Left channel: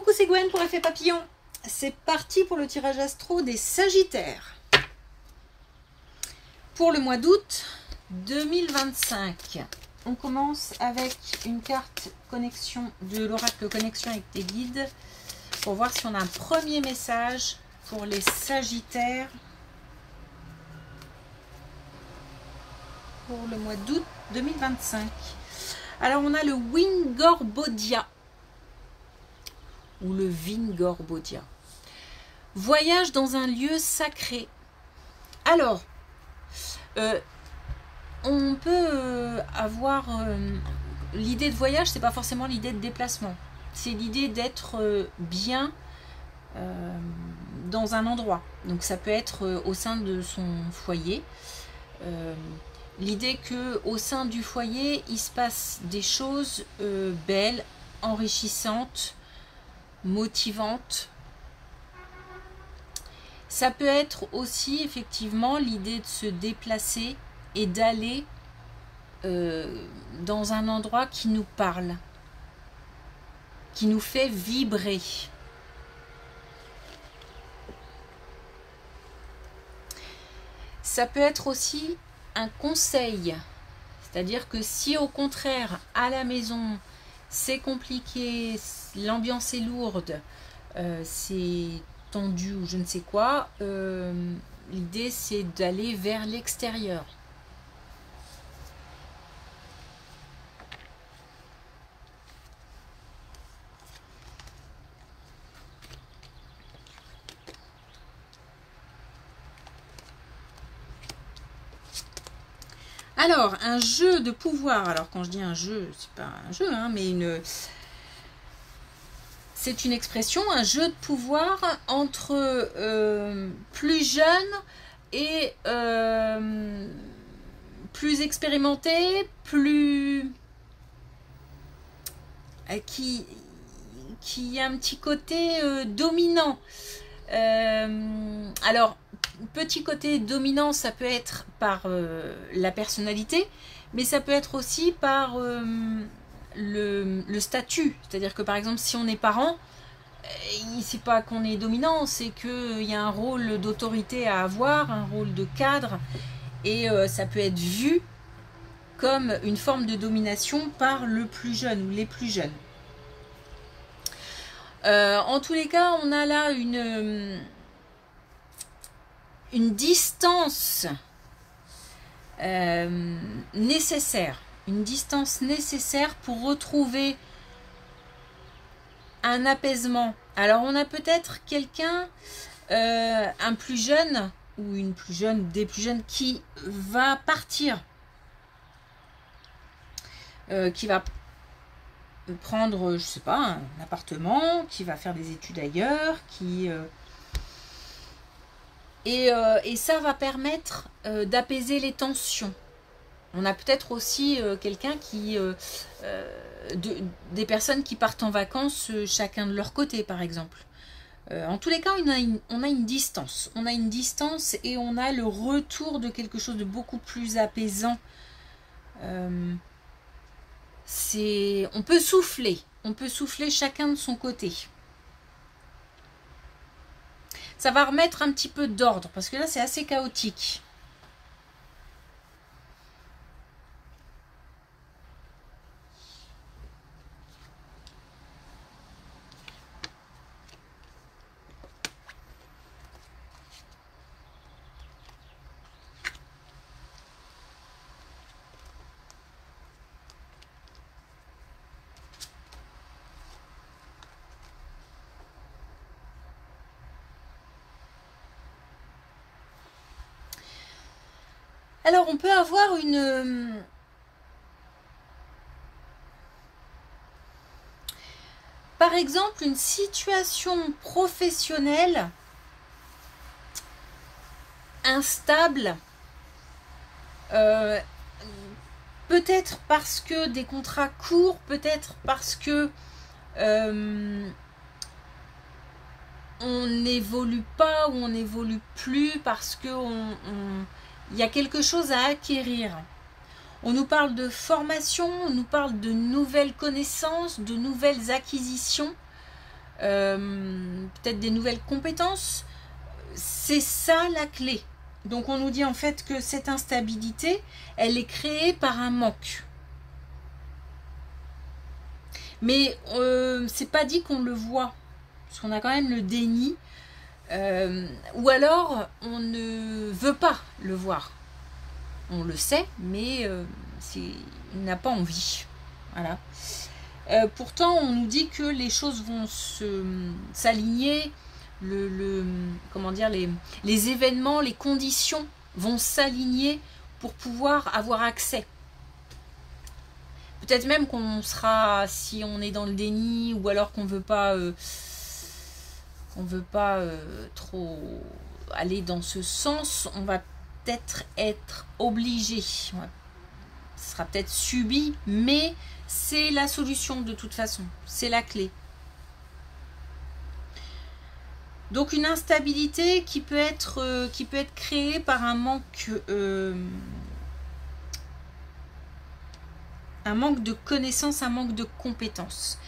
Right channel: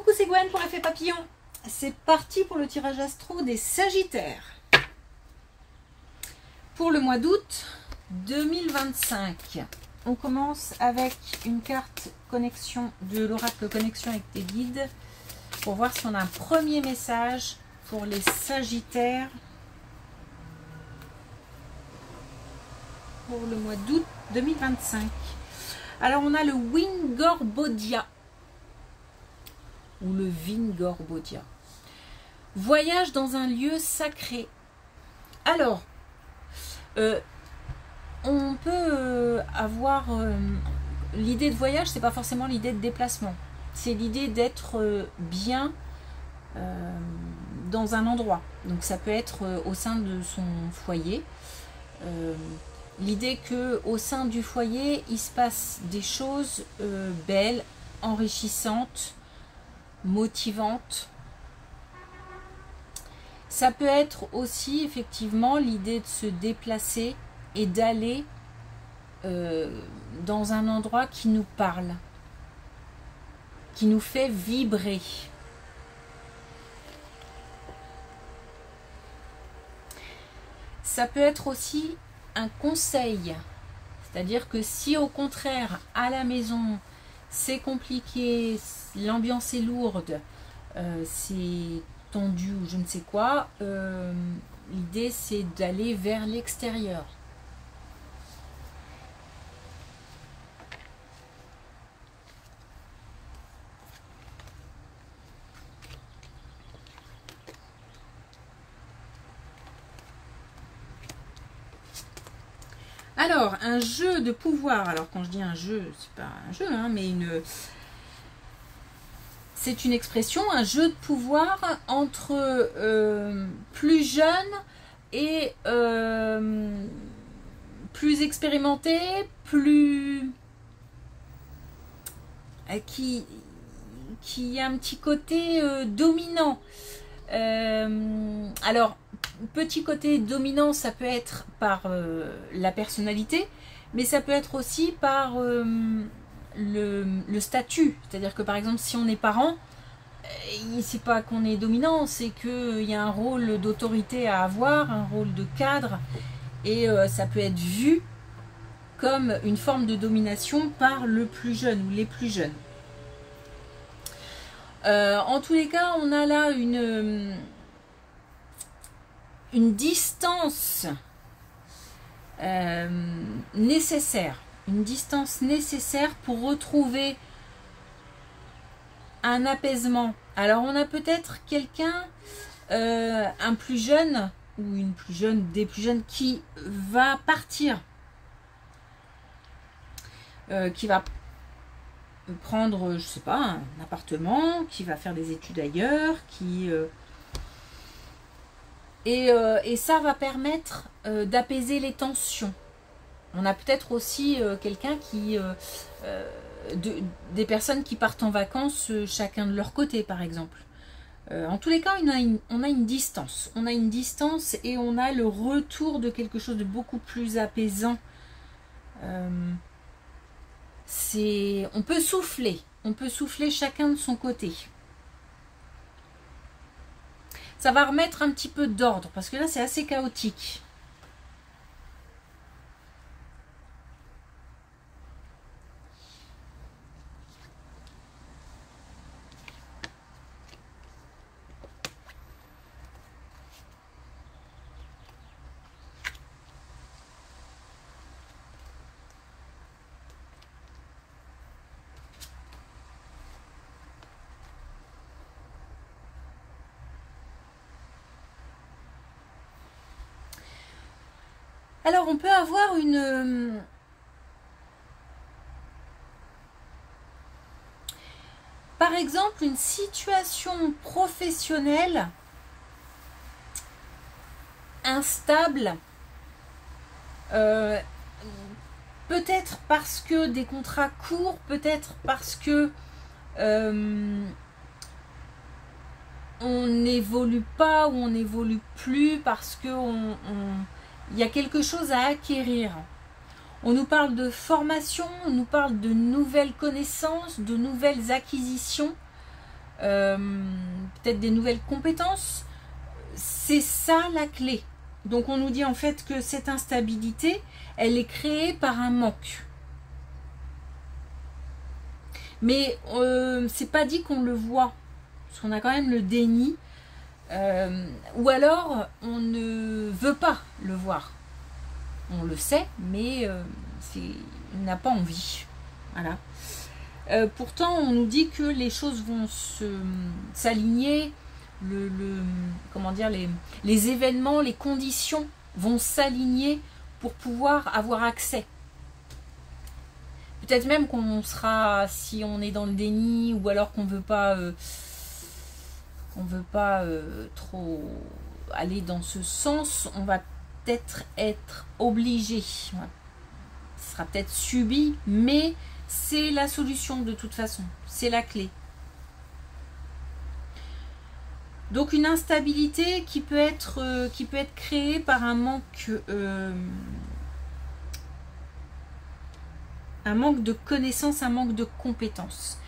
Coucou, c'est Gwen pour l'effet papillon. C'est parti pour le tirage astro des Sagittaires. Pour le mois d'août 2025. On commence avec une carte connexion de l'oracle connexion avec tes guides pour voir si on a un premier message pour les Sagittaires pour le mois d'août 2025. Alors on a le Wingorbodia ou le Vingorbodia. Voyage dans un lieu sacré. Alors, on peut avoir l'idée de voyage, c'est pas forcément l'idée de déplacement. C'est l'idée d'être bien dans un endroit. Donc ça peut être au sein de son foyer. L'idée que au sein du foyer, il se passe des choses belles, enrichissantes, motivantes. Ça peut être aussi effectivement l'idée de se déplacer et d'aller dans un endroit qui nous parle, qui nous fait vibrer. Ça peut être aussi un conseil, c'est-à-dire que si au contraire à la maison c'est compliqué, l'ambiance est lourde, c'est tendu ou je ne sais quoi, l'idée c'est d'aller vers l'extérieur. Alors, un jeu de pouvoir. Alors, quand je dis un jeu, c'est pas un jeu, hein, mais c'est une expression, un jeu de pouvoir entre plus jeunes et plus expérimentés, plus qui a un petit côté dominant. Alors, petit côté dominant, ça peut être par la personnalité, mais ça peut être aussi par le statut. C'est-à-dire que par exemple, si on est parent, c'est pas qu'on est dominant, c'est qu'il y a un rôle d'autorité à avoir, un rôle de cadre, et ça peut être vu comme une forme de domination par le plus jeune ou les plus jeunes. En tous les cas, on a là une distance nécessaire. Une distance nécessaire pour retrouver un apaisement. Alors, on a peut-être quelqu'un, un plus jeune, ou une plus jeune, des plus jeunes, qui va partir. Qui va prendre, je sais pas, un appartement, qui va faire des études ailleurs, et ça va permettre d'apaiser les tensions. On a peut-être aussi quelqu'un qui des personnes qui partent en vacances chacun de leur côté, par exemple. En tous les cas, on a une distance. On a une distance et on a le retour de quelque chose de beaucoup plus apaisant. On peut souffler chacun de son côté. Ça va remettre un petit peu d'ordre parce que là c'est assez chaotique. Alors, on peut avoir par exemple, une situation professionnelle instable, peut-être parce que des contrats courts, peut-être parce que on n'évolue pas ou on n'évolue plus, parce que il y a quelque chose à acquérir. On nous parle de formation, on nous parle de nouvelles connaissances, de nouvelles acquisitions. peut-être des nouvelles compétences. C'est ça la clé. Donc on nous dit en fait que cette instabilité, elle est créée par un manque. Mais c'est pas dit qu'on le voit, parce qu'on a quand même le déni, ou alors on ne veut pas le voir. On le sait, mais il n'a pas envie. Voilà. Pourtant, on nous dit que les choses vont s'aligner, comment dire, les événements, les conditions vont s'aligner pour pouvoir avoir accès. Peut-être même qu'on sera, si on est dans le déni, ou alors qu'on veut pas trop aller dans ce sens, on va peut-être être obligé. Ce sera peut-être subi, mais c'est la solution de toute façon. C'est la clé. Donc une instabilité qui peut être créée par un manque de connaissances, un manque de compétences.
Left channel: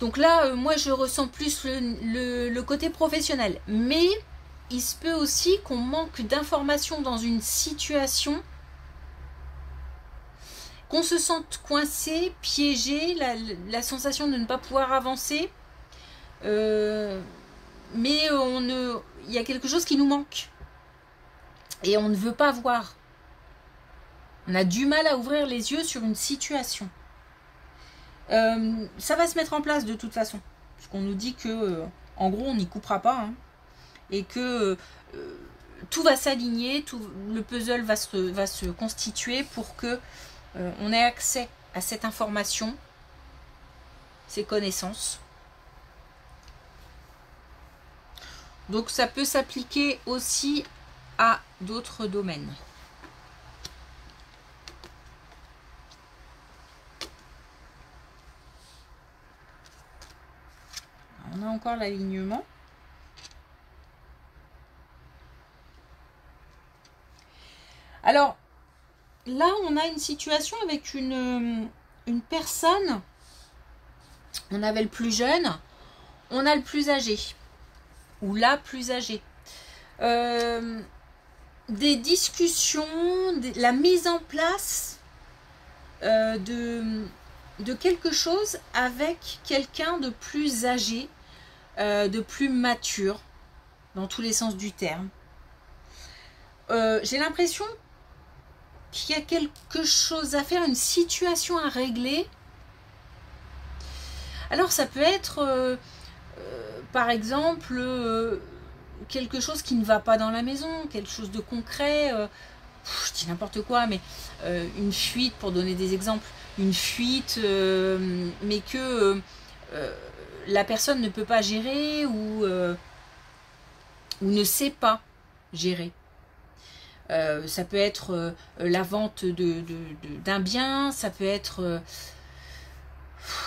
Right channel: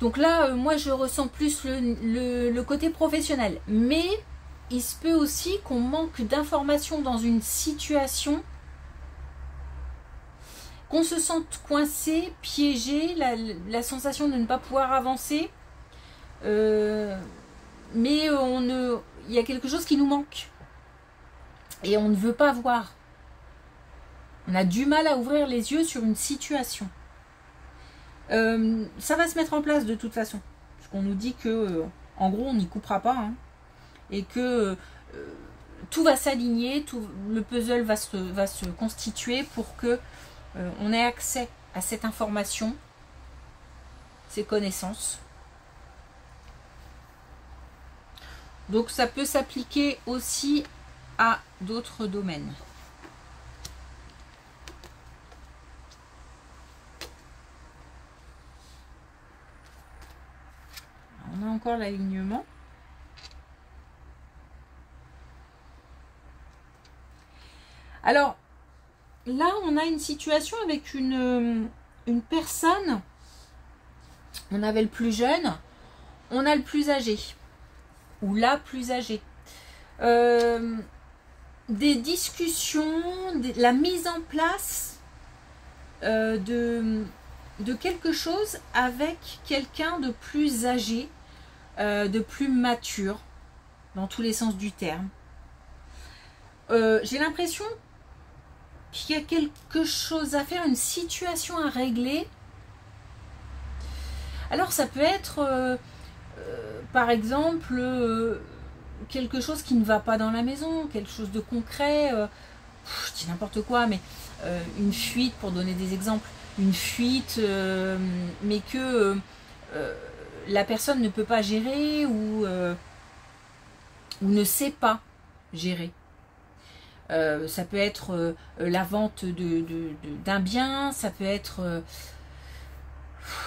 Donc là, moi je ressens plus le côté professionnel. Mais il se peut aussi qu'on manque d'informations dans une situation, qu'on se sente coincé, piégé, la sensation de ne pas pouvoir avancer. Mais il y a quelque chose qui nous manque. Et on ne veut pas voir. On a du mal à ouvrir les yeux sur une situation. Ça va se mettre en place de toute façon. Parce qu'on nous dit que, en gros, on n'y coupera pas. Hein, et que tout va s'aligner, le puzzle va se constituer pour que on ait accès à cette information, ces connaissances. Donc ça peut s'appliquer aussi à d'autres domaines. On a encore l'alignement. Alors, là, on a une situation avec une personne. On avait le plus jeune, on a le plus âgé. Ou la plus âgée. Des discussions, la mise en place de quelque chose avec quelqu'un de plus âgé, de plus mature, dans tous les sens du terme. J'ai l'impression qu'il y a quelque chose à faire, une situation à régler. Alors ça peut être par exemple quelque chose qui ne va pas dans la maison, quelque chose de concret, je dis n'importe quoi, mais une fuite, pour donner des exemples, une fuite, mais que la personne ne peut pas gérer ou ne sait pas gérer. Ça peut être la vente d'un bien, ça peut être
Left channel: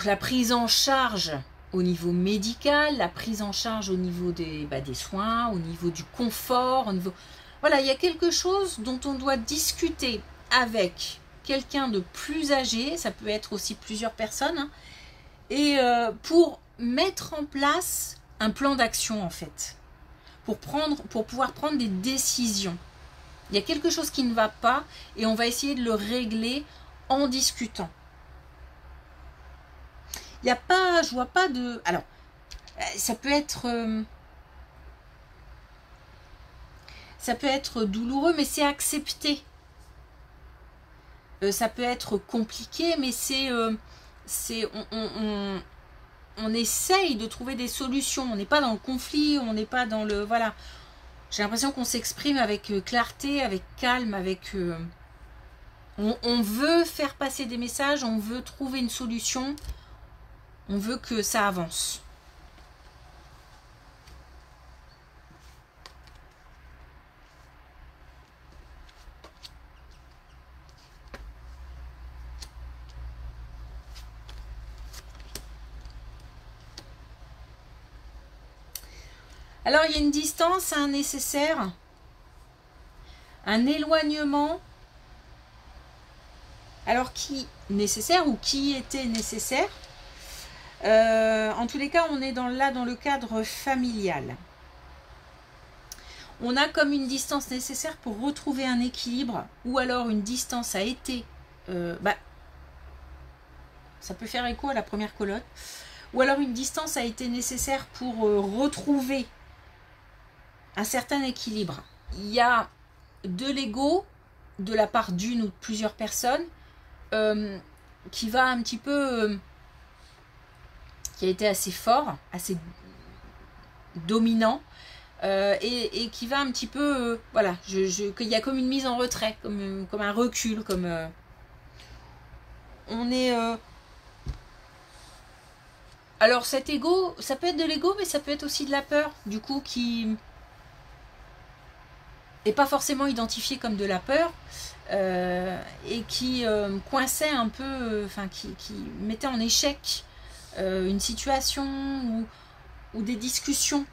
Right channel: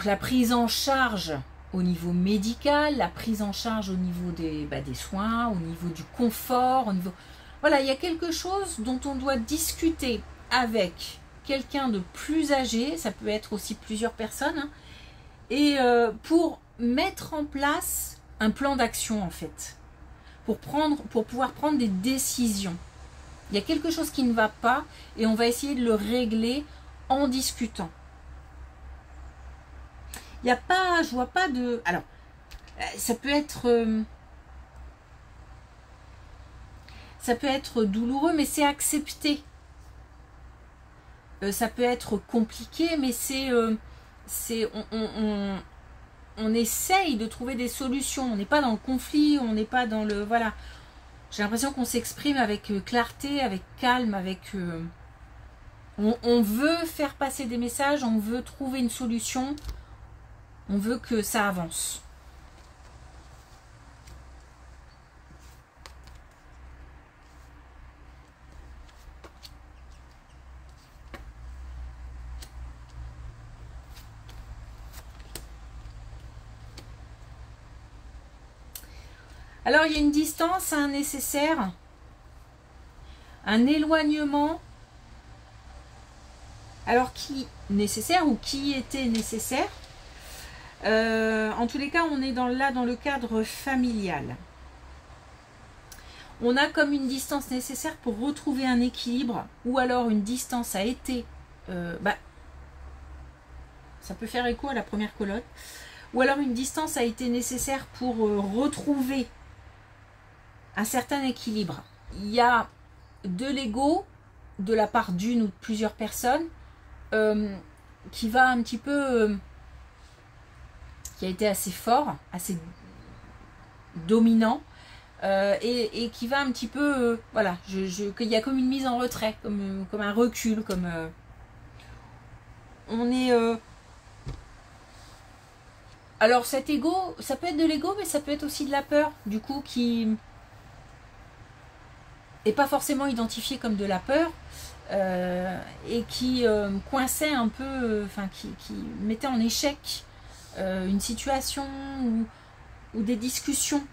la prise en charge au niveau médical, la prise en charge au niveau des soins, au niveau du confort, au niveau... Voilà, il y a quelque chose dont on doit discuter avec quelqu'un de plus âgé, ça peut être aussi plusieurs personnes, hein, et pour mettre en place un plan d'action en fait, pour pouvoir prendre des décisions. Il y a quelque chose qui ne va pas et on va essayer de le régler en discutant. Il n'y a pas, je vois pas de... Alors, ça peut être douloureux, mais c'est accepté. Ça peut être compliqué, mais on essaye de trouver des solutions. On n'est pas dans le conflit, on n'est pas dans le... Voilà. J'ai l'impression qu'on s'exprime avec clarté, avec calme, avec... on veut faire passer des messages, on veut trouver une solution. On veut que ça avance. Alors, il y a une distance, un nécessaire, un éloignement. Alors, qui nécessaire ou qui était nécessaire? En tous les cas, on est là dans le cadre familial. On a comme une distance nécessaire pour retrouver un équilibre, ou alors une distance a été... ça peut faire écho à la première colonne. Ou alors une distance a été nécessaire pour retrouver un certain équilibre. Il y a de l'ego de la part d'une ou de plusieurs personnes qui va un petit peu... qui a été assez fort, assez dominant, et qui va un petit peu... voilà, qu'il y a comme une mise en retrait, comme un recul, comme... on est... alors cet ego, ça peut être de l'ego, mais ça peut être aussi de la peur, du coup, qui n'est pas forcément identifié comme de la peur, et qui coinçait un peu, qui mettait en échec une situation ou des discussions.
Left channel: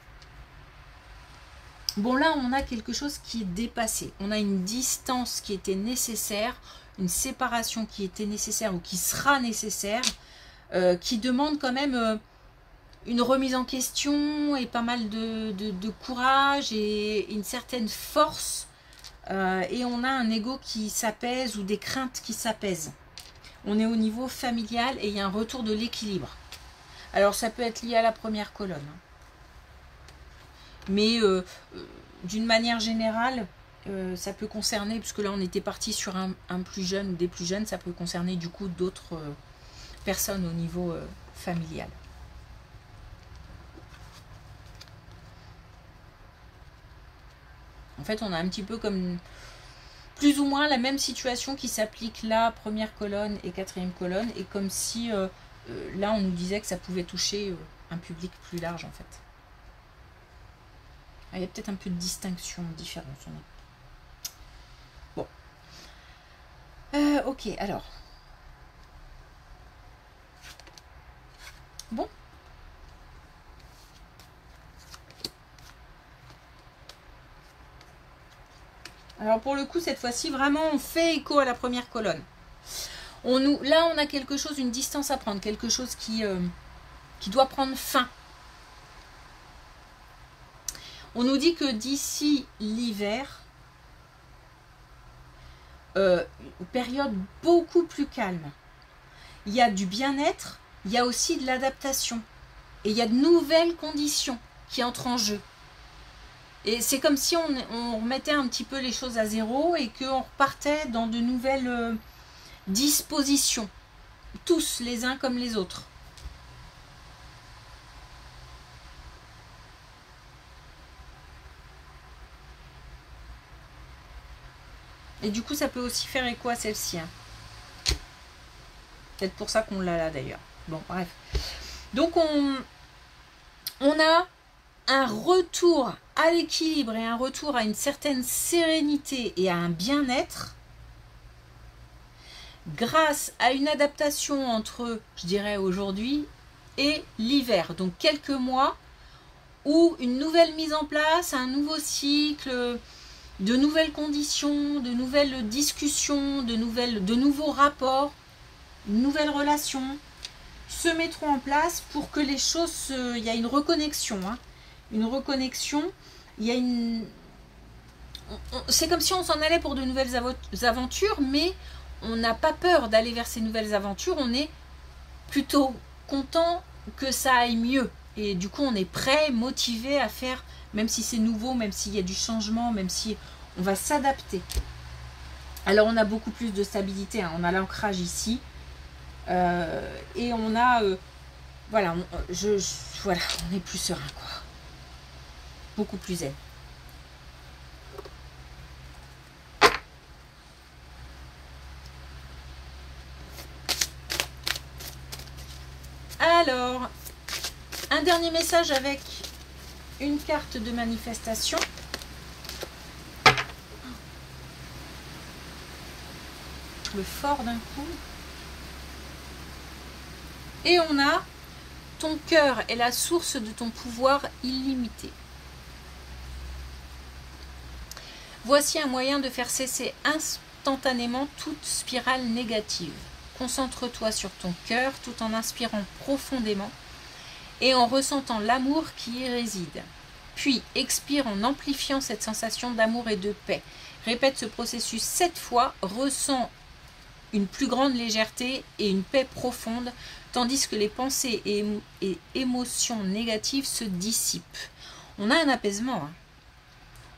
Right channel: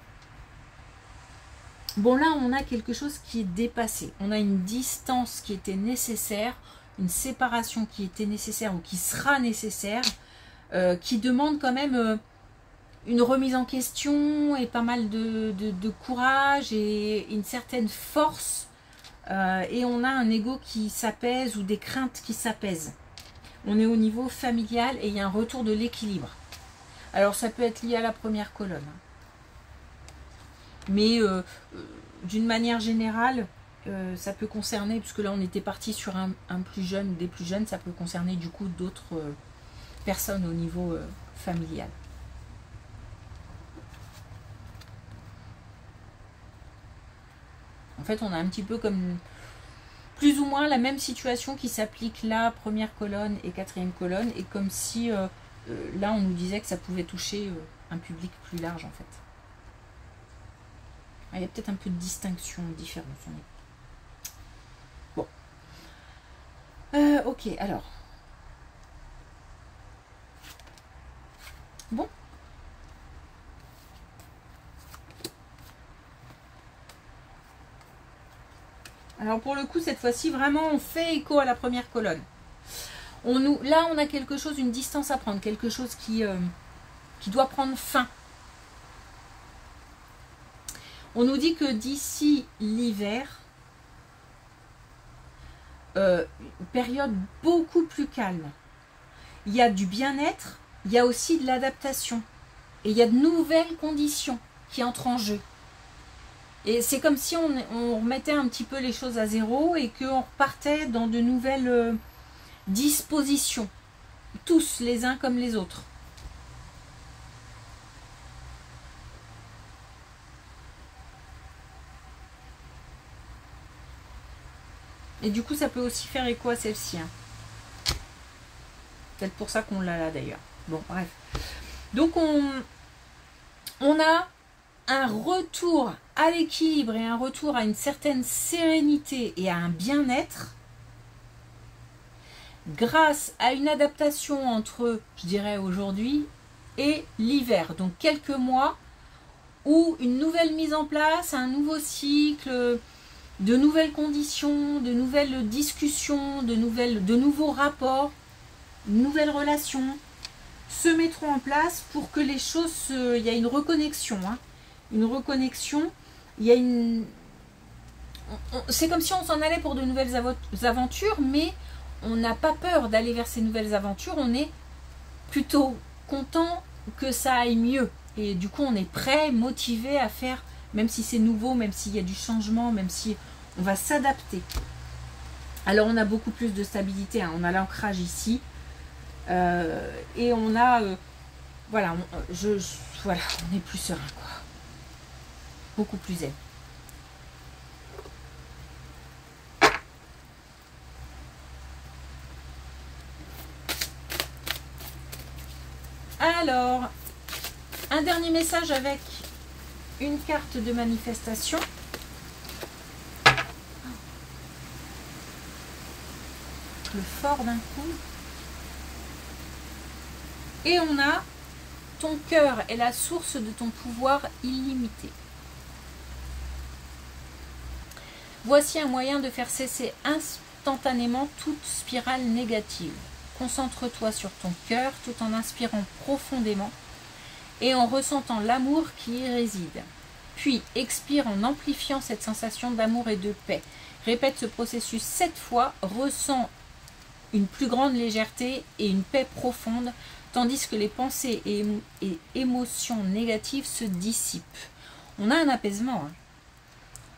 Bon, là, on a quelque chose qui est dépassé. On a une distance qui était nécessaire, une séparation qui était nécessaire ou qui sera nécessaire, qui demande quand même une remise en question et pas mal de courage et une certaine force. Et on a un ego qui s'apaise ou des craintes qui s'apaisent. On est au niveau familial et il y a un retour de l'équilibre. Alors ça peut être lié à la première colonne. Mais d'une manière générale, ça peut concerner, puisque là on était parti sur un plus jeune ou des plus jeunes, ça peut concerner du coup d'autres personnes au niveau familial. En fait, on a un petit peu comme plus ou moins la même situation qui s'applique là, première colonne et quatrième colonne, et comme si là on nous disait que ça pouvait toucher un public plus large en fait. Ah, il y a peut-être un peu de distinction, de différence. Bon. Ok, alors. Bon. Alors pour le coup, cette fois-ci, vraiment, on fait écho à la première colonne. Là, on a quelque chose, une distance à prendre, quelque chose qui doit prendre fin. On nous dit que d'ici l'hiver, période beaucoup plus calme. Il y a du bien-être, il y a aussi de l'adaptation. Et il y a de nouvelles conditions qui entrent en jeu. Et c'est comme si on remettait un petit peu les choses à zéro et qu'on repartait dans de nouvelles dispositions. Tous, les uns comme les autres. Et du coup, ça peut aussi faire écho à celle-ci. Hein. Peut-être pour ça qu'on l'a là d'ailleurs. Bon, bref. Donc, on a un retour à l'équilibre et un retour à une certaine sérénité et à un bien-être grâce à une adaptation entre, je dirais, aujourd'hui et l'hiver. Donc, quelques mois où une nouvelle mise en place, un nouveau cycle, de nouvelles conditions, de nouvelles discussions, de nouveaux rapports, de nouvelles relations se mettront en place pour que les choses, il y a une reconnexion, hein, une reconnexion, il y a une, c'est comme si on s'en allait pour de nouvelles aventures, mais on n'a pas peur d'aller vers ces nouvelles aventures, on est plutôt content que ça aille mieux, et du coup on est prêt, motivé à faire, même si c'est nouveau, même s'il y a du changement, même si on va s'adapter. Alors on a beaucoup plus de stabilité, hein. On a l'ancrage ici, et on a, voilà, voilà, on est plus serein, quoi. Beaucoup plus zen. Alors, un dernier message avec une carte de manifestation. Le fort d'un coup. Et on a ton cœur est la source de ton pouvoir illimité. Voici un moyen de faire cesser instantanément toute spirale négative. Concentre-toi sur ton cœur tout en inspirant profondément et en ressentant l'amour qui y réside. Puis expire en amplifiant cette sensation d'amour et de paix. Répète ce processus 7 fois, ressens une plus grande légèreté et une paix profonde, tandis que les pensées et émotions négatives se dissipent. On a un apaisement. Hein.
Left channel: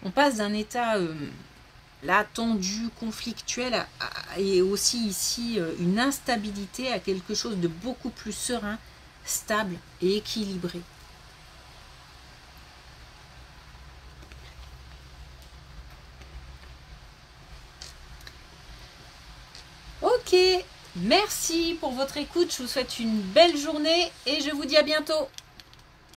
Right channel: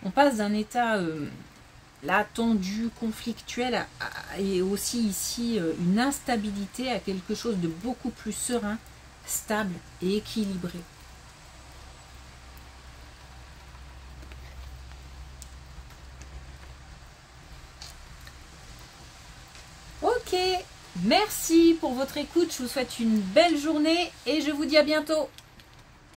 On passe d'un état là tendu, conflictuel, et aussi ici une instabilité à quelque chose de beaucoup plus serein, stable et équilibré. Ok, merci pour votre écoute, je vous souhaite une belle journée et je vous dis à bientôt.